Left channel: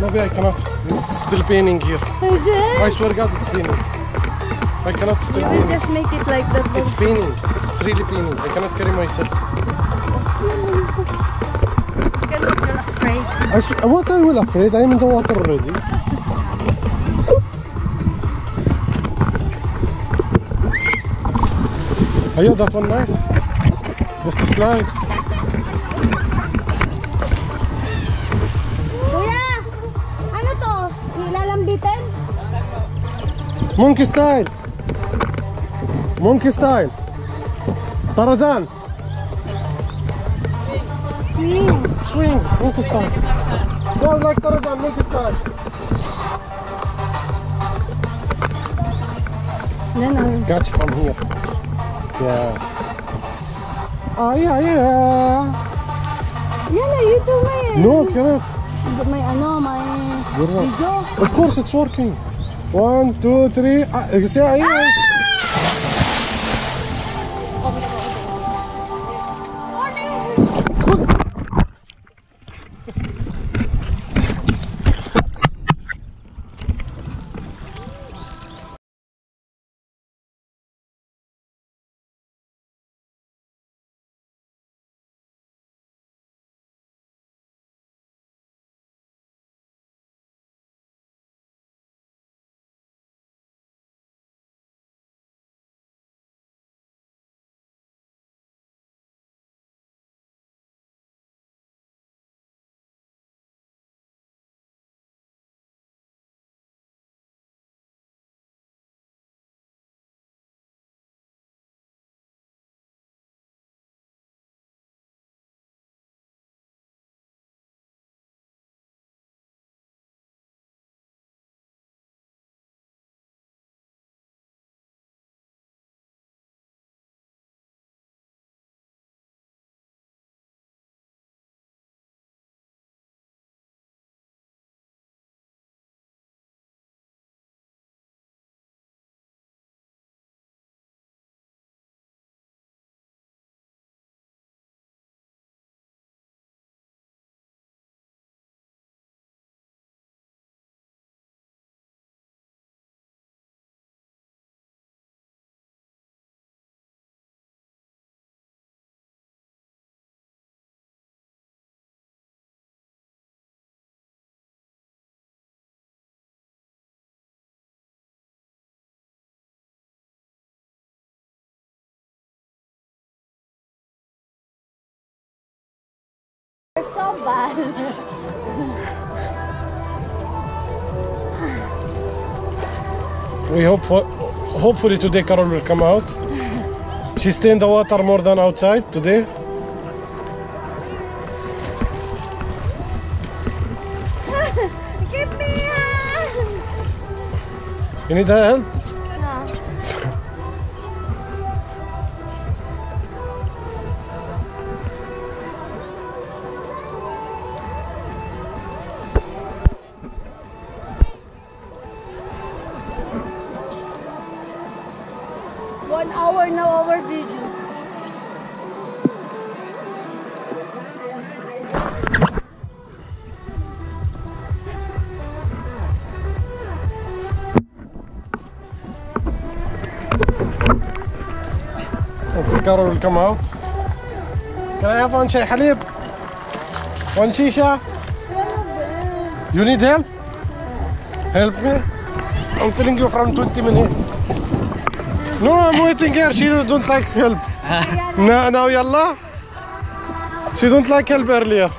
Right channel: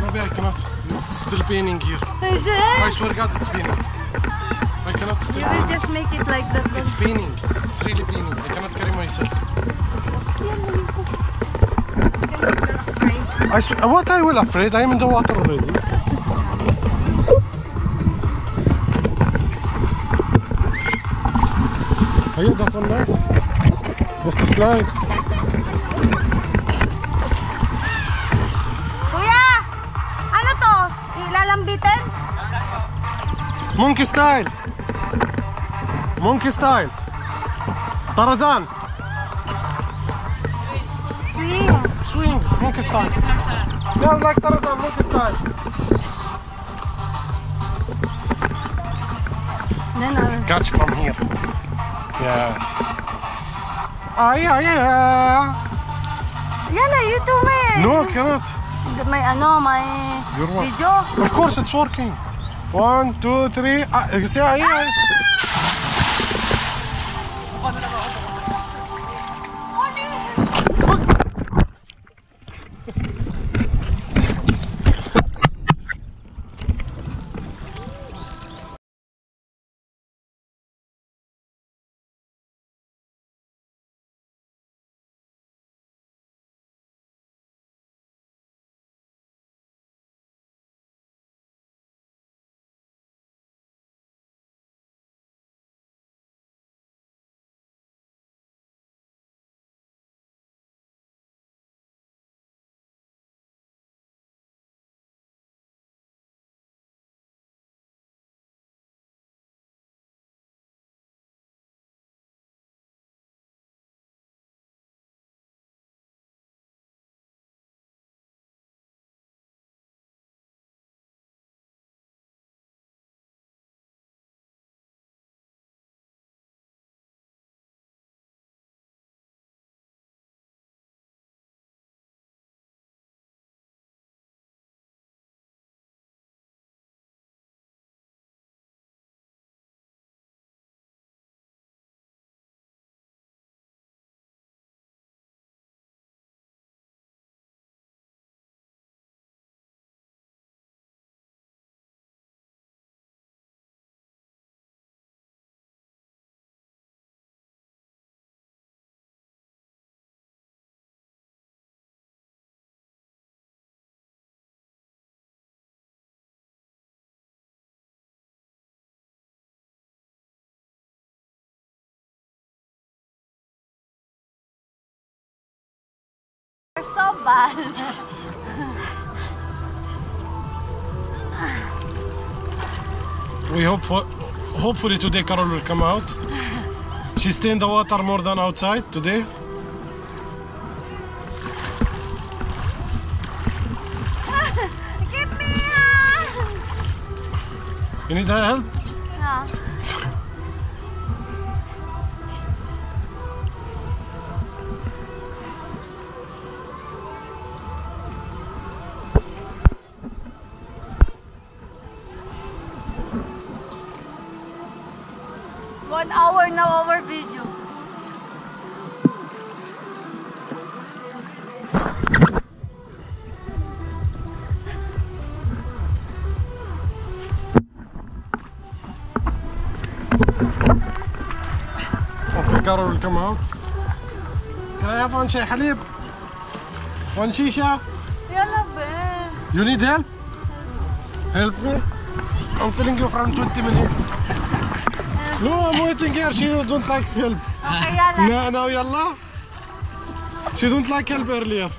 Maybe I cannot. It's still paining here. Is it? I swear God, it's paining. I cannot still You paining. will just make it like that. It's paining. It's really paining. I cannot carry myself. You're afraid. What I will afraid? I'm in the water already. Oh yeah, that one nice. Just a slide. Kuya! Ano to? Ilalambitin? Monkey style. Monkey style. Tarzan. Swing. Swing. Monkey style. Yeah, like Tarzan. Monkey style. Then I'll... Catch from here. Yes. Ah, yeah. Yala, you do me. No, I cannot. My Your what? video. Of course, it's working. 1, 2, 3. You see, yeah. You're so bad. We hopefully today Carol will come out. She stay in the water more than outside today. Give me a hand. You need help? No. One hour now our video. Until Carol will come out. Can I have one shay halib? One shisha? You need help? Help me? I'm telling you from 20 minutes. No, I'm waiting here. She don't like help. No, no, yalla. She don't like help earlier.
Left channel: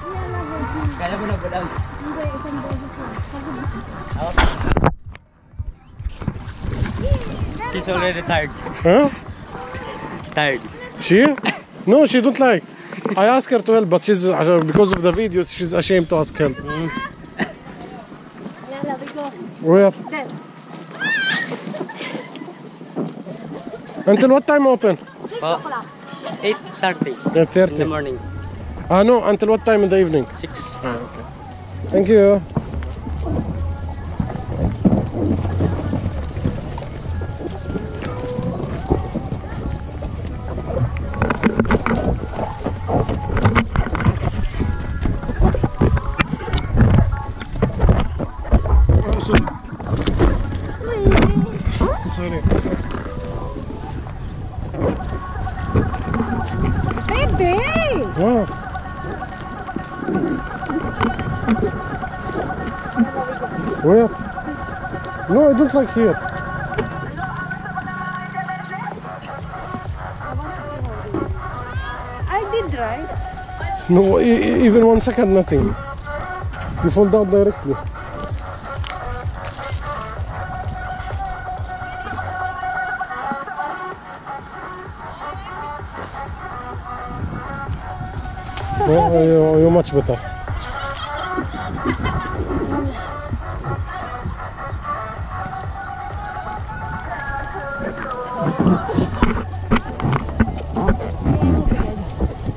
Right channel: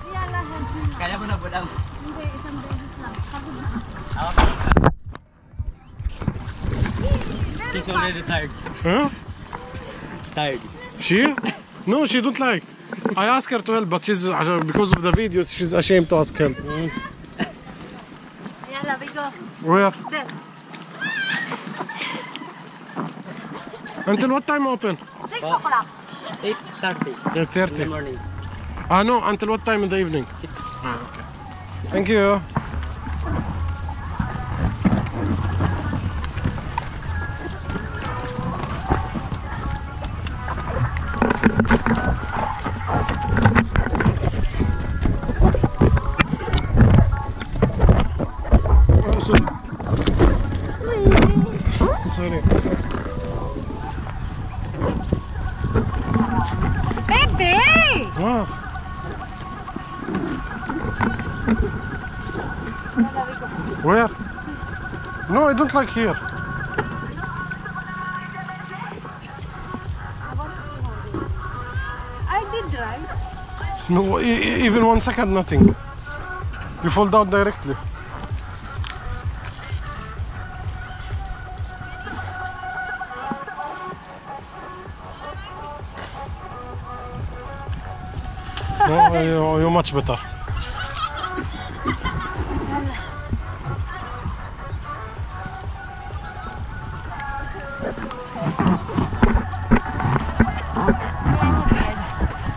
She's already tired. Huh? Tired. She? No, she don't like. I asked her to help, but she's because of the videos, she's ashamed to ask help. Yalla, we go. Where? There. Until what time open? 6 o'clock. 8:30 in the 8:30. morning. Ah, no, until what time in the evening? 6. Ah, okay. Thank you. Where? No, I don't like here. I did right. No, even 1 second, nothing. You fall down directly. No, you're much better.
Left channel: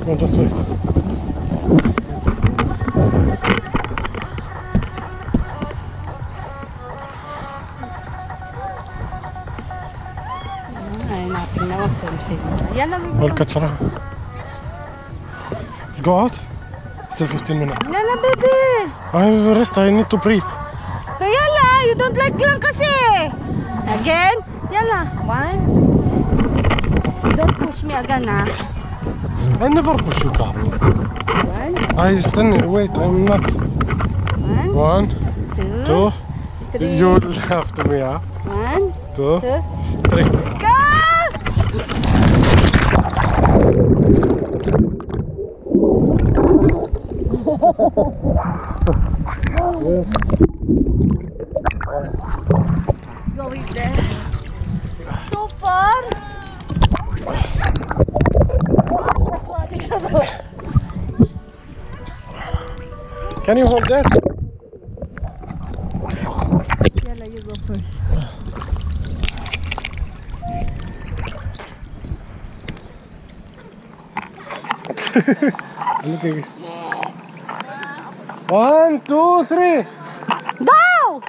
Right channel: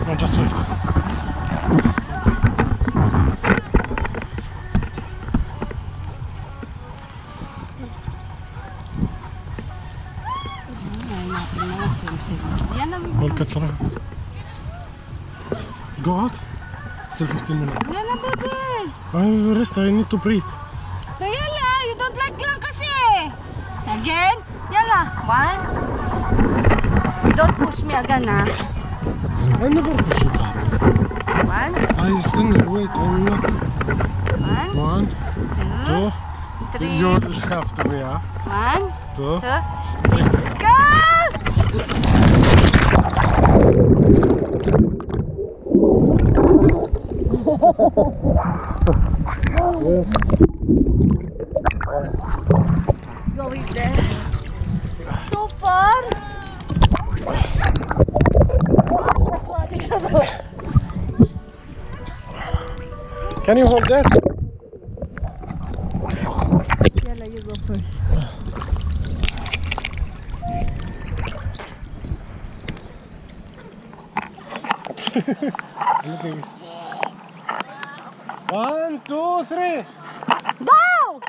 No, just wait. Go out. Still 15 minutes. Yalla, baby. I will rest. I need to breathe. Yalla, you don't like lang kasi. Again? Yalla. 1. Don't push me again, ha? I never push you, Carol. 1. I stand. Wait, I'm not. 1. 1, 2. 2. 3. You laugh to me, huh? 1. 2, 2. 3. Go! Going there. So far. Can you hold that? Yalla, you go first. Look at this. 1, 2, 3. Go!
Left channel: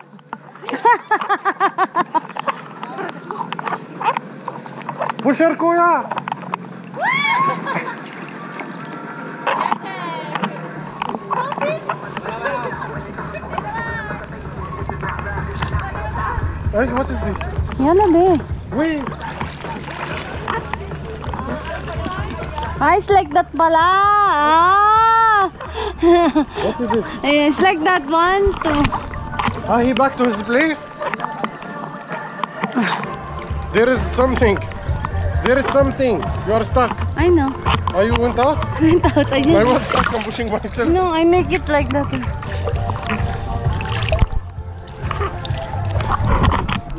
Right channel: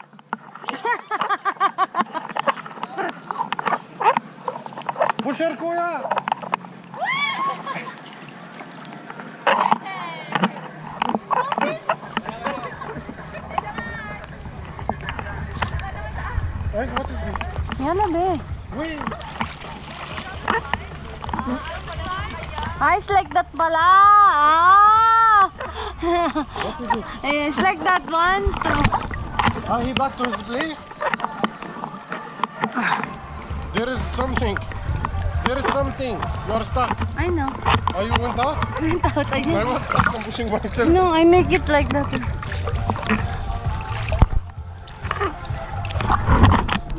Push her, kuya. Hey, what is this? Yalla, be. Wait. It's like that pala. Ah! What is it? It's like that one too. Ah, he back to his place? There is something. There is something. You are stuck. I know. Oh, you went out? Went out. I I just... was stuck. I'm pushing myself. No, I make it like that.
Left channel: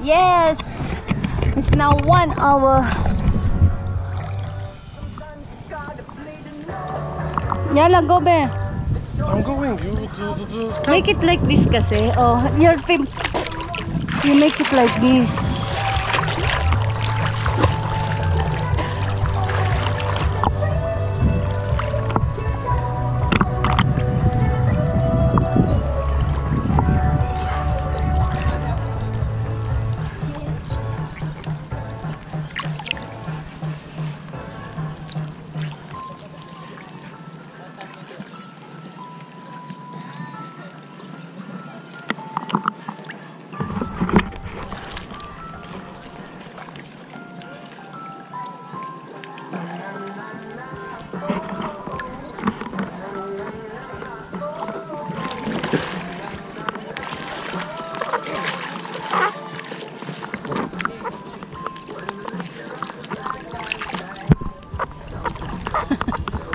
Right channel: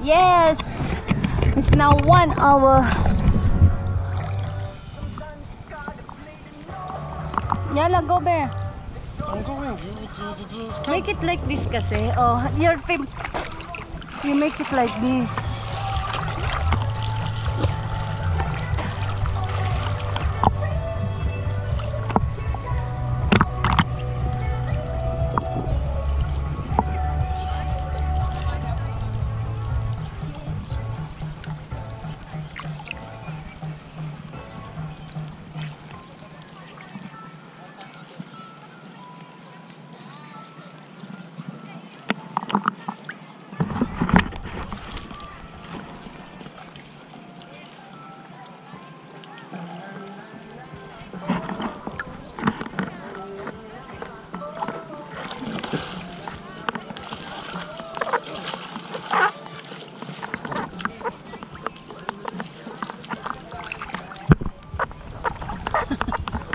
Yes! It's now 1 hour. Yalla, go be. I'm going. Make it like this kasi. Oh, your pimp. You make it like this.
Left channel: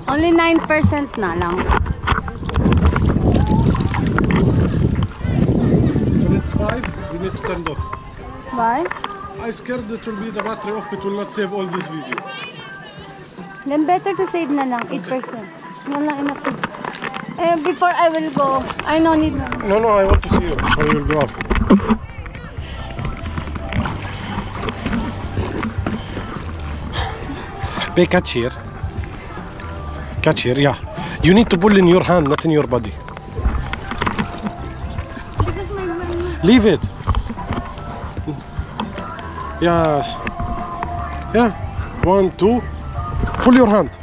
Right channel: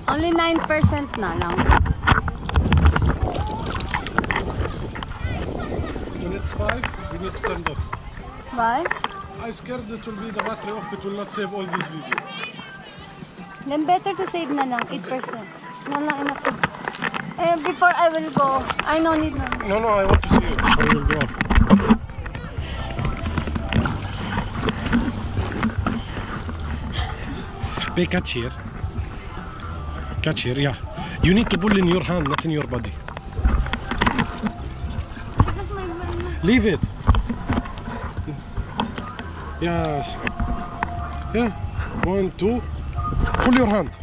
Only 9% na lang. When it's 5, we need to turn it off. Why? I scared it will be the battery off. It will not save all this video. Then better to save na lang, 8%. No lang, enough na. Before I will go, I no need na. No, I want to see you. I will go up. Hey, catch here. Catch here, yeah. You need to pull in your hand, not in your body. Because my Leave it. Yes. Yeah. 1, 2. Pull your hand.